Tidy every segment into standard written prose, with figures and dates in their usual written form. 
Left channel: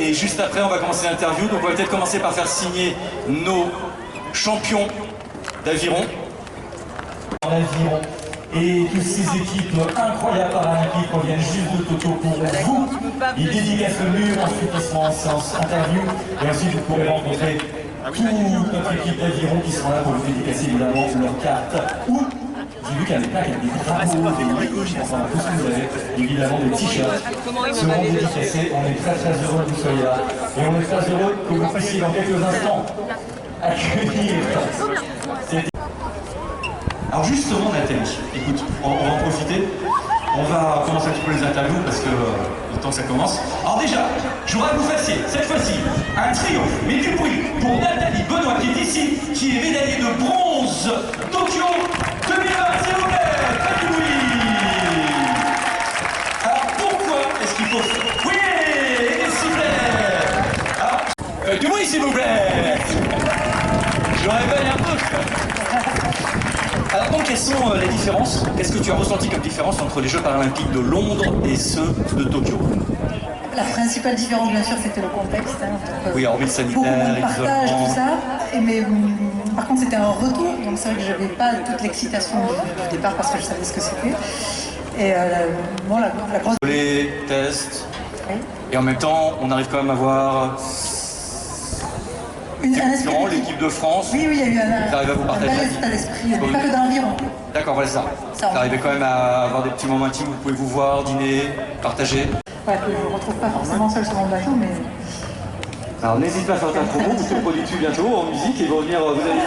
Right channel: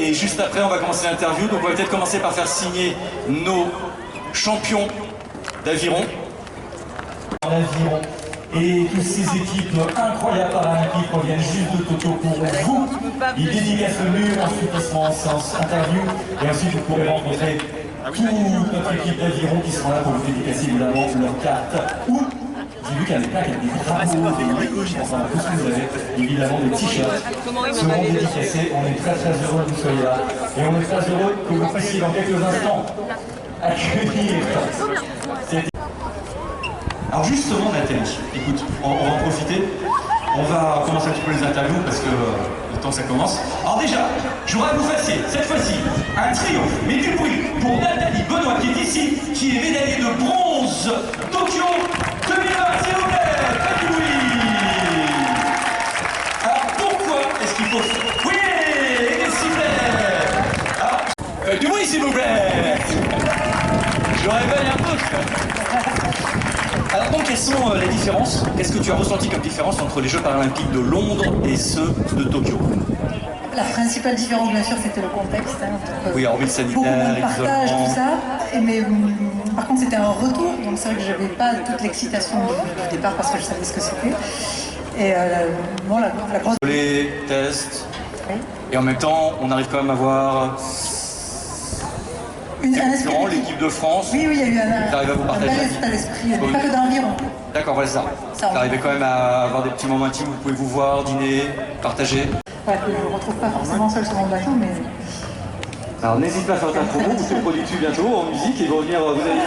Et juste après, on va commencer l'interview. Donc on va peut-être commencer par faire signer nos champions d'aviron. Et toutes ces équipes incroyables paralympiques qu'on vient juste de Tokyo pour vous. Ils dédicacent le mur, ensuite ils seront en séance interview. Et ensuite vous pourrez rencontrer toute notre équipe d'aviron qui sera là pour vous dédicacer évidemment leur carte. Ou j'ai vu qu'il y a des plaques avec des drapeaux, des légoches, enfin tout ce que vous avez, évidemment des t-shirts seront dédicacés. On est très très heureux que vous soyez là. Et on est très heureux que vous puissiez dans quelques instants accueillir. Alors justement Nathalie, écoute, on va en profiter. On va commencer un petit peu les interviews parce que le temps que ça commence. Alors déjà, je voudrais que vous fassiez cette fois-ci un triomphe, mais du bruit pour Nathalie Benoît qui est ici, qui est médaillée de bronze Tokyo 2020, s'il vous plaît, faites du bruit. Alors pourquoi est-ce qu'il faut... Oui, et des sifflets. Alors, faites du bruit s'il vous plaît. Je réveille un peu. Alors donc, quelles sont les différences? Qu'est-ce que tu as ressenti comme différence entre les Jeux paralympiques de Londres et ceux de Tokyo? La principale différence, bien sûr, c'était le contexte. Hein, oui, hormis le sanitaire, beaucoup de partage, tout ça. Mais par contre, c'était un retour, donc c'est vrai que je n'avais pas toute l'excitation du départ parce que je savais ce que c'était. Et bon, la grosse... Les tests, oui. Et en même temps, on arrive quand même à voir... l'équipe de France, oui, il y a eu un à vous partager bel état d'esprit, pas que dans l'environ. D'accord, voilà ça. Vous arrivez quand même à avoir des petits moments intimes où vous pouvez vous voir, dîner, partager. Voilà, que je ne me retrouve pas forcément seul sur mon bateau, mais... Alors n'hésite pas à faire ta promo, vous serez produit bientôt en musique et vous allez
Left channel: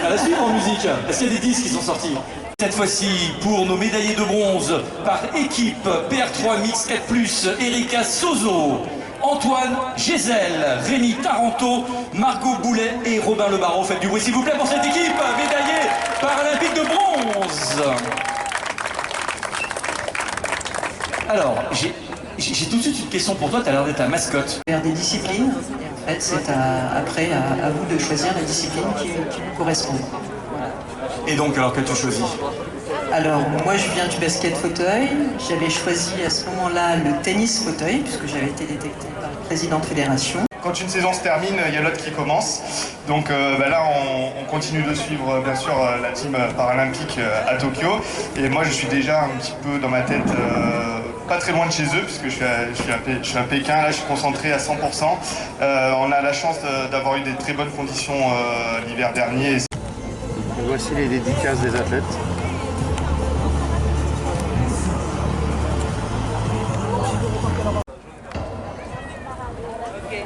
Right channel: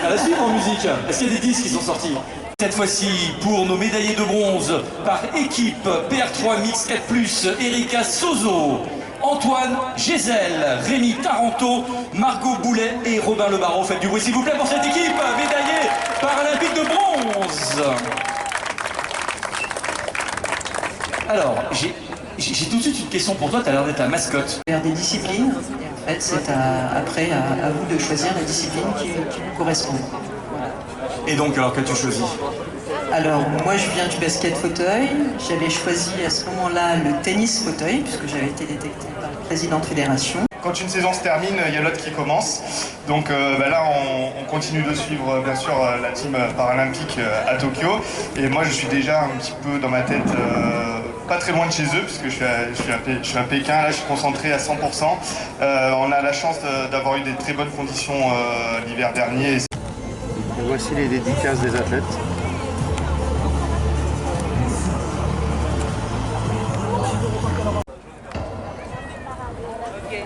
à la suite en musique. Est-ce qu'il y a des disques qui sont sortis? Cette fois-ci, pour nos médaillés de bronze, par équipe PR3 Mix 4+, Erika Sozo, Antoine Gézel, Rémi Taranto, Margot Boulet et Robin Le Barreau. Faites du bruit s'il vous plaît pour cette équipe médaillée paralympique de bronze. Alors, j'ai tout de suite une question pour toi, tu as l'air d'être la mascotte. Vers des disciplines, en fait, c'est après à vous de choisir la discipline qui vous correspond. Voilà. Et donc, alors, qu'as-tu choisi? Alors, moi je viens du basket fauteuil, j'avais choisi à ce moment-là le tennis fauteuil, puisque j'avais été détecté par le président de fédération. Quand une saison se termine, il y a l'autre qui commence. Donc là, on continue de suivre bien sûr la team paralympique à Tokyo. Et moi, je suis déjà un petit peu dans ma tête, pas très loin de chez eux, puisque je suis à Pékin. Là, je suis concentré à 100%. On a la chance d'avoir eu des très bonnes conditions l'hiver dernier. Voici les dédicaces des athlètes. Okay.